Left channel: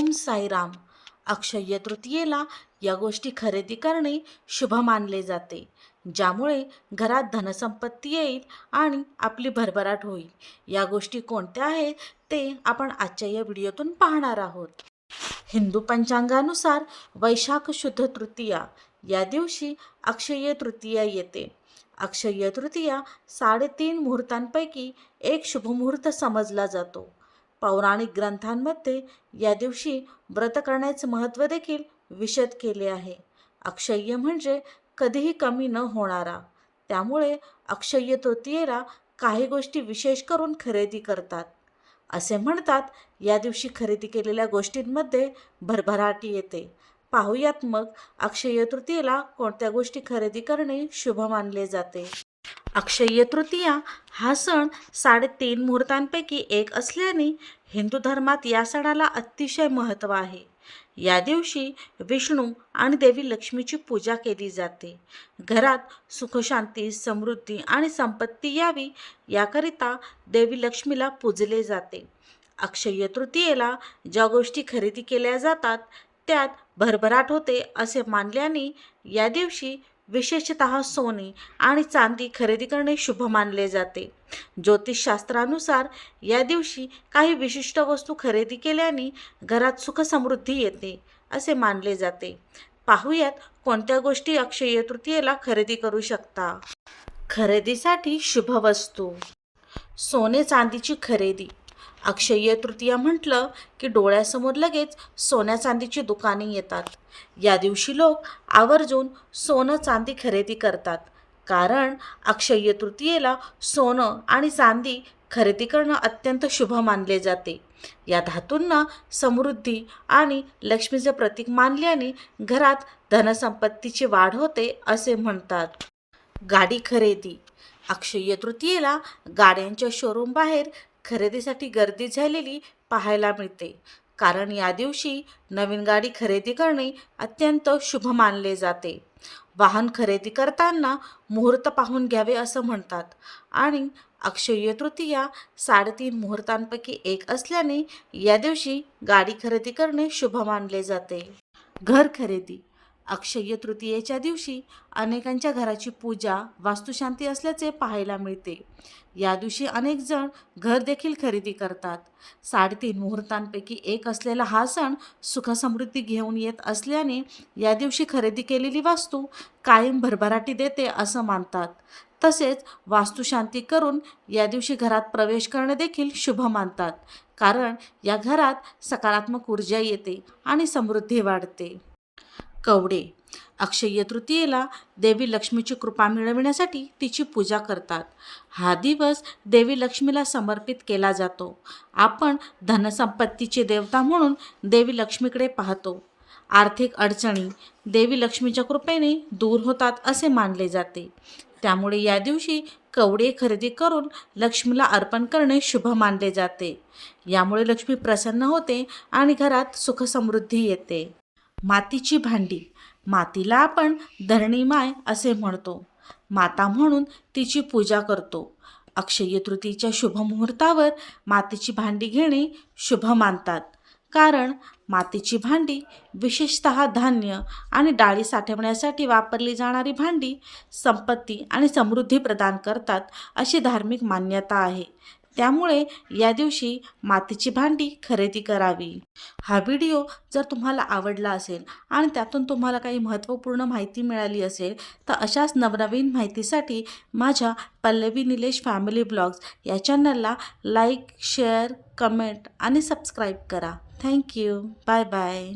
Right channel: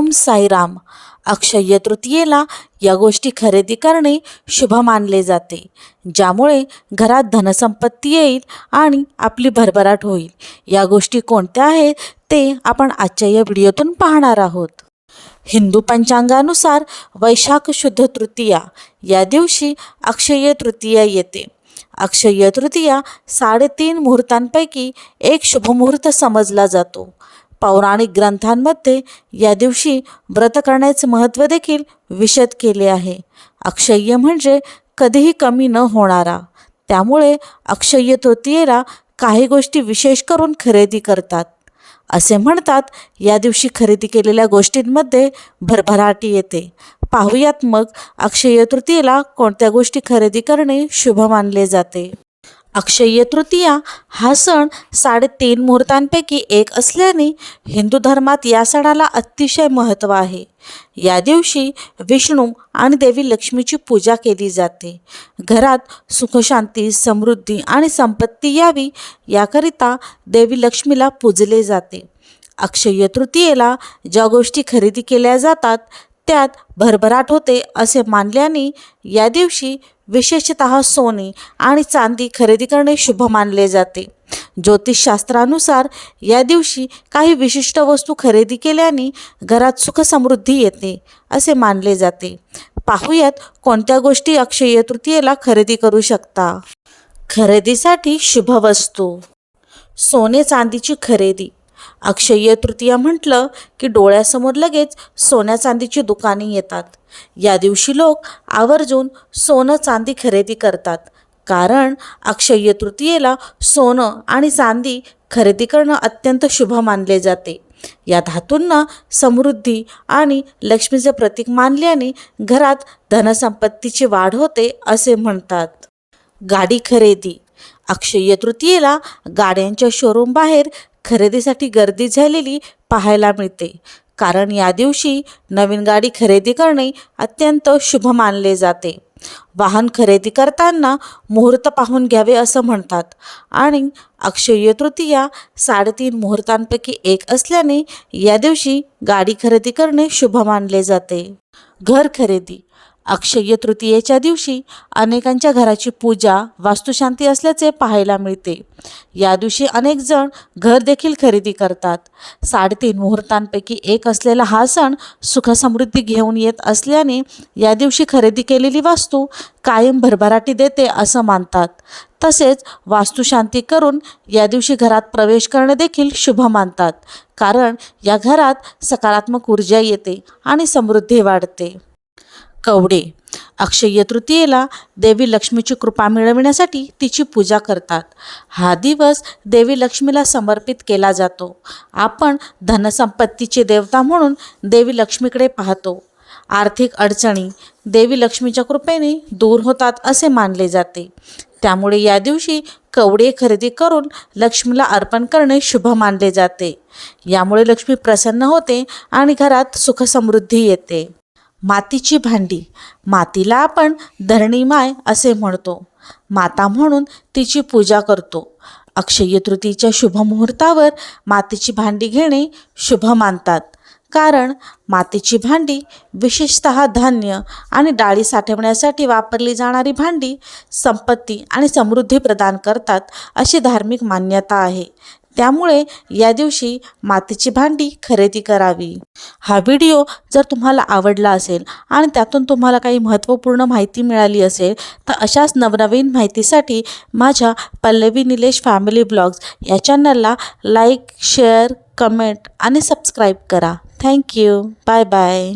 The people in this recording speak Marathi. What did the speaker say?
ओम साईराम. अक्षय तृतीयेला या गोष्टी खरेदी करणे शुभ मानले जाते. ज्यामुळे घरात धनसंपत्ती येईल आणि आपली भरभराट होईल. या गोष्टी कोणत्या आहेत ते आपण आजच्या या व्हिडिओतून पाहणार आहोत. हिंदू पंचांगानुसार वैशाख शुद्ध तृतीया. या दिवशी अक्षय तृतीया येते. अक्षय तृतीया साडेतीन मुहूर्तांपैकी एक शुभमुहूर्त समजला जातो. पौराणिक ग्रंथांमध्ये या दिवशी व्रत करण्याचे महत्त्व देखील विशद केले आहे. अक्षय्य म्हणजे कधीही कमी न होणारा. त्यामुळे अक्षय्य तृतीयेला काही गोष्टी विशेष करून खरेदी करतात. असे म्हणतात या दिवशी खरेदी केलेल्या गोष्टींमध्ये भरभराटी येते. पाहुयात मग अक्षय तृतीयेला कोणत्या गोष्टी खरेदी करणे शुभ मानले जाते? अक्षय तृतीया हा सण साडेतीन मुहूर्तांपैकी एक असल्याने हिंदू धर्मात या सणाला अतिशय महत्त्व आहे. या दिवशी विष्णू आणि देवी लक्ष्मीची पूजा केली जाते. घरात सुखशांती समृद्धी आणि संपत्ती यावी याकरिता देवी लक्ष्मीला पूजले जाते. अक्षय तृतीयेला ज्या गोष्टी खरेदी केल्या जातात त्यात भरभराट होते असे मानल्याने या दिवशी विशेषत सोने आणि चांदी खरेदी करणे शुभ मानले जाते. ज्योतिषशास्त्रानुसार या दिवशी काही विशिष्ट वस्तू खरेदी केल्याने घरात सुखसमृद्धी येते असे मानले जाते. पाहूयात कोणत्या गोष्टी अक्षय तृतीयेला खरेदी करू शकता. खरेदीसाठी शुभ वस्तू. सोने चांदीची खरेदी. अक्षय्य तृतीया म्हटलं की डोळ्यासमोर लगेच सोन्या चांदीची दुकाने येतात. या दिवशी लोक आवर्जून सोनं चांदी खरेदी करतात. कारण अक्षय्य तृतीयेला सोनं आणि चांदी खरेदी करणं अत्यंत शुभ मानले जाते. या धातूंना समृद्धी आणि लक्ष्मीचे प्रतीक मानल्याने घरात धनसंपत्तीची वाढ होते असे म्हणतात. गाडी खरेदी. अक्षय्य तृतीयेला गाड्यांच्या शोरूम बाहेर खरेदीसाठी गर्दी झालेली पाहायला मिळते. कारण या दिवशी नवीन गाडी खरेदी करणे अत्यंत शुभ मानले जाते. वाहन खरेदी करताना मुहूर्त पाहून घ्यावे असं म्हणतात. आणि अक्षय तृतीया साडेतीन मुहूर्तांपैकी एक असल्याने या दिवशी गाडी खरेदी करणे शुभ मानले जाते. घर खरेदी अक्षय तृतीयेच्या दिवशी अनेकांच्या घराची पूजा वास्तुशांती असल्याचे पाहायला मिळते. या दिवशी अनेक जण घर देखील खरेदी करतात. साडेतीन मुहूर्तांपैकी एक असलेला हा सण सुखसमृद्धी घेऊन येत असल्याने या दिवशी खरेदी केलेली वस्तू कायम भरभराटी देते असं मानतात. तसेच वास्तुशांती करून या दिवशी घरात प्रवेश करणे देखील शुभ मानतात. कारण या घरात सकारात्मक ऊर्जा येते आणि समृद्धी वाढते. कवडे. अक्षय तृतीयेला देवी लक्ष्मीची कृपा मिळविण्यासाठी तिची पूजा करतात. हा दिवस देवी लक्ष्मीला समर्पित केला जातो. आपण धनसंपत्तीची देवता म्हणून देवी लक्ष्मीकडे पाहतो. आर्थिक अडचणी देवी लक्ष्मीच्या कृपेने दूर होतात असे मानले जाते. त्यामुळे या दिवशी कवडे खरेदी करून लक्ष्मीला अर्पण करणे शुभ मानले जाते. यामुळे लक्ष्मी प्रसन्न होते आणि घरात सुखसमृद्धी येते. मातीची भांडी. मातीला आपण धरणीमाय असे म्हणतो. माता म्हणून तिची पूजा करतो. अक्षय तृतीच्या शुभ मुहूर्तावर मातीची भांडी घेणे शुभ मानतात. कारण मातीची भांडी विशेषत धान्य आणि डाळी साठवण्यासाठी वापरली जाणारी भांडी संपत्ती आणि समृद्धी प्रदान करतात अशी धार्मिक मान्यता आहे. त्यामुळे या दिवशी मातीची भांडी खरेदी करावी. हा व्हिडिओ जर तुम्हाला आवडला असेल आणि त्यातून तुम्हाला काही महत्त्वपूर्ण माहिती मिळाली असेल तर अशाच नवनवीन माहितीसाठी माझ्या पल्लवी निलेश फॅमिली ब्लॉग्स या चॅनलला लाईक शेअर कमेंट आणि सबस्क्राईब करा. Thank you bye bye